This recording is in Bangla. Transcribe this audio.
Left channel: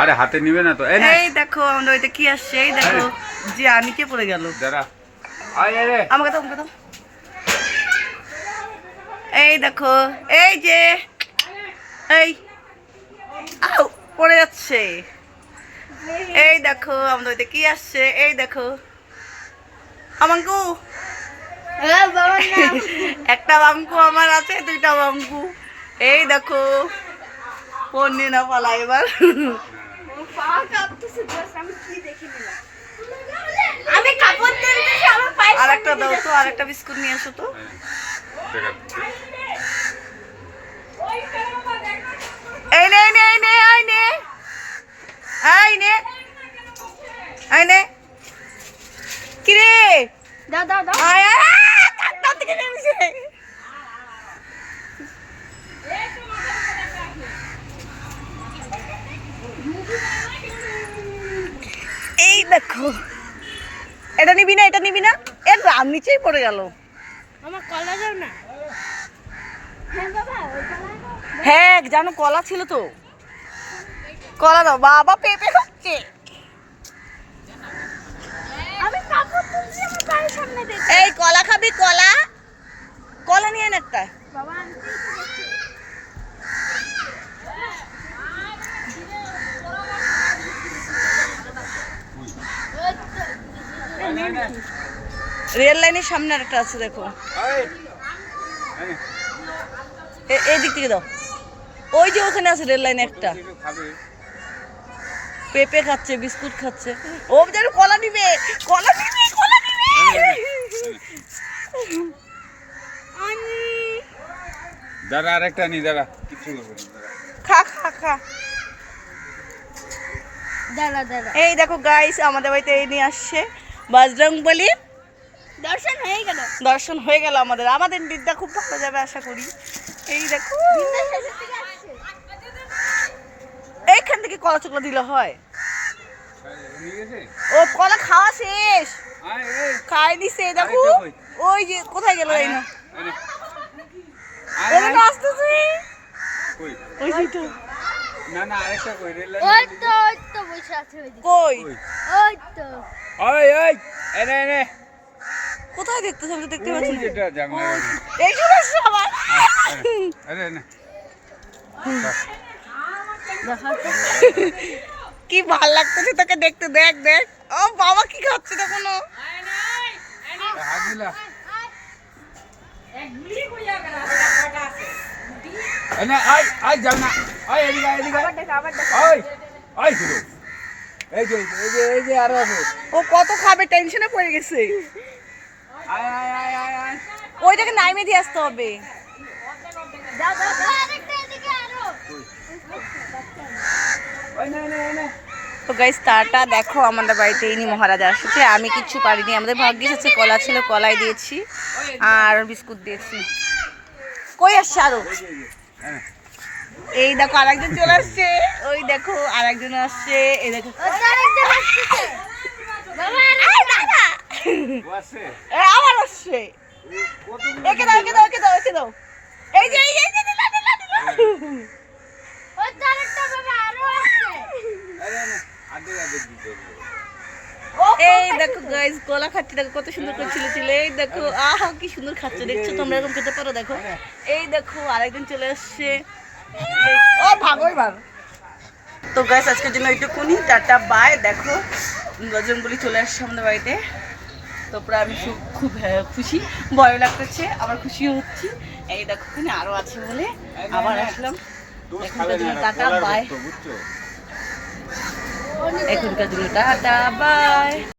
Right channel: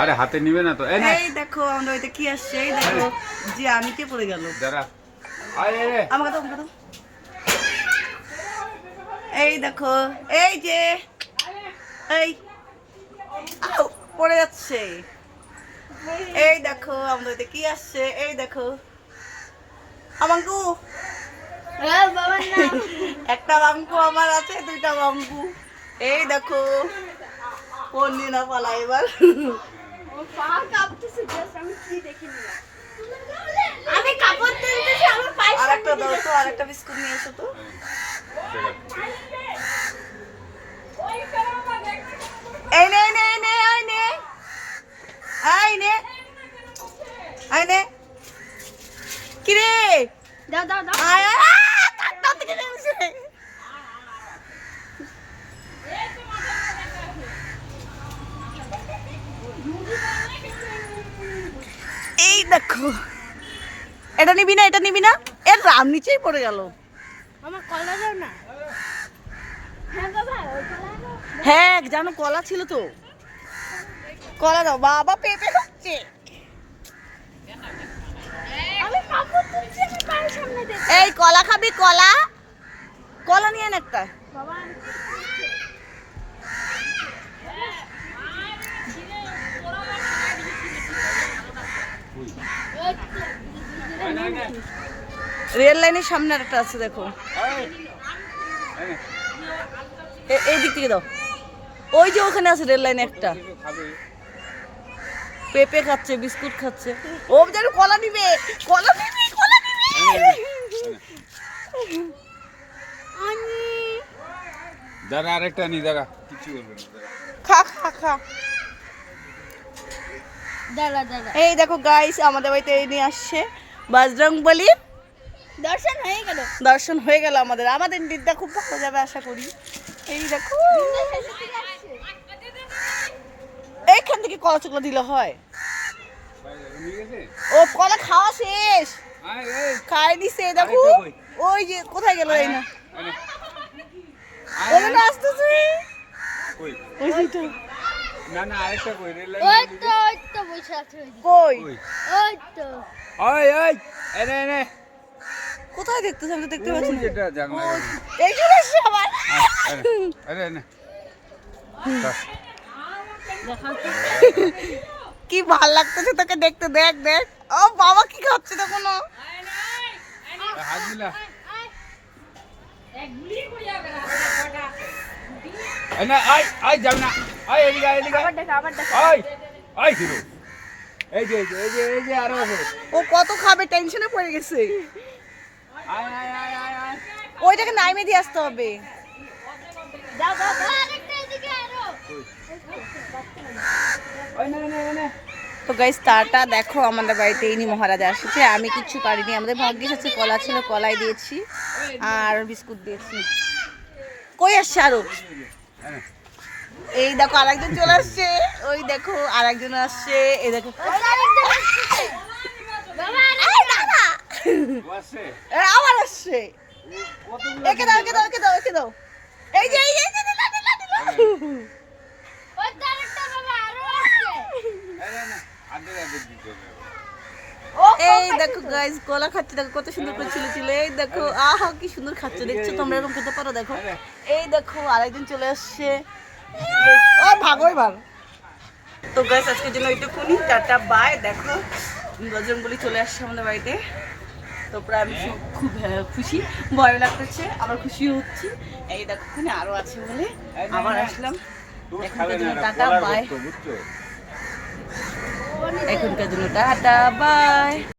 আরে হাতে নিবে না তো। এই দেখো আমাদের ওইটা কি আসছে, এই দেখো জি নিচে পড়ে গেল। দাঁড়া, আয় রে আমাকে দাও, আমাকে দাও। এই দেখো, এই যে এই আউ পড়ে যাচ্ছে। এই দেখো আমাদের ওইটা কি আসছে, এই দেখো আমাঙ্কু। একটা বাঙ্কু আমার আছে, দুইটা বাঙ্কু। এই দেখো পড়নি না পালা এবার। আরেকটা দাও তো, আরেকটা বিস্কুট নিয়ে এসো তো। এই নে, এই নে, এই নে, এই নে, এই নে, এই নে। কি রে? দাও দাও দাও। আয় আয় কাটটা থেকে নেমেছে। এই দেখো, এটা নিবি না, এটা নিবি না, এর রাম নিচেই পড়ে গেল। আমার কলা দাও না। হ্যাঁ বাবা, ওই কলা দাও। হ্যাঁ জানো কলা ছিল তো, কলা দাও। বাবা পেঁপে খাচ্ছে। আমি কাপড় তুলছি আমার বাড়ির সামনে দেখে। এই কলা খাবি? কলা, কলা নিয়ে আন একটা। বাবা আনতে রেল লাইনের সামনে একটা আছে দেখো, এই দিক থেকে দাও। ওই যে ওখানে আছে রেল লাইনে একটা। পেঁপে খাচ্ছে, বিস্কুট খাচ্ছে। ও যেন কলা নিবে, কলা নিবে, কলা নিবে। দাঁড়া, আরেকটা নি, দাঁড়া, কিছু করবো না, দাঁড়া। খা খা খা। দাঁড়া দাঁড়া। এই দেখো গাইস, আমাদের বাড়িতে এই নিয়ে আসছে বজরংবলী। দর্শন হয়ে গেল। দর্শন হয়ে গেল আমাদের। আমাদের দিনটা খুব ভালো যাবে আশা করি। এই দেখো, শেষের দিকে আসছে। এইখান থেকে কলা চকলা দিলে হয়। নিয়ে গেছে? ও কলা খাওয়া শেষ, আয়, এই, খাই দিছে। দেখো আরেকটা কই? ওই যে কোথায় গেল এই না, আয় নে। ওই না আসতেছে। কই? ওই যে তো, না না, আরেকটা কই? রেল ওই তো বসে আছে ওই দিকে। কই ওই তো। ওই ওই, এনে এনে, কোথায় দেখতেছ? আমি তো দেখতে পাচ্ছি না। যেটা জানলা। এই চলে আসছে আবার। এনে এনে, কি ভাল লাগতেছে তোকে দেখতে। দেখ দেখ, ও বাবা কি খাচ্ছে তখন। হাত দিলা। এনে আয় আয়, যাও না, আয় এদিকে আয়, এদিকে আবার দেখো আবার দেখো। আয় আয় হিরো। এই যে এই যে আরো আছে। ও কত খাবে, টেনশনে পড়ে গেছে। আয় আয় আয় আয় আয়। ওইটাকে নাইমে দিয়ে আসতে হবে। দাও দাও দাও। আরেকটা এদিকে আরো। ওই না না না। তো গাইস তারটা দেখো, আমাদের বাড়িতে ইনি মহারাজা আসছে। আমি কিচ্ছু পারিনি, আমাদের ভাগ্যিস আছে কলা ছিল, কলাই দিয়েছি আর বিস্কুট দিয়েছি। কই আসছে আরো? এই দেখো আরেকজন চলে আসছে। ওই দেখো আরেকজন আসছে। এই দেখো ওই তো আরেকজন আসছে। বাবা আয় দাদা, ও আছে। আবার আসছে। কতগুলো? একে দাও, একে দাও, একে দাও, একে দাও। এই যে এই যে এই যে, দিলা, দিলা, দিলা। ওই তো আরেকটা বাবা আরো আসছে। আরে না, আদে দিতে হবে। এই দেখো গাইস কলা খাচ্ছে, দেখো কত সুন্দর করে ছিল ছিল। এই দেখো আহা কি সুন্দর খাচ্ছে, দেখছো তোমরা এরকম খেতে পারো? দেখো এই দেখো আরেকজন চলে আসছে। ও ভাগো এবার। তো গাইস আজকের জন্য এইটুকুনি, টাটা বাই। দেখো বজরংবলী চলে আসছে আমাদের বাড়িতে। তো প্রায় আমি খুব খুশি, ভয় লাগতেছে, আবার খুশিও হচ্ছি। এই দেখো ওখানে আরো আছে বলে আবার আসলাম। এখনকার জন্য টাটা বাই। এখনকার জন্য টাটা বাই।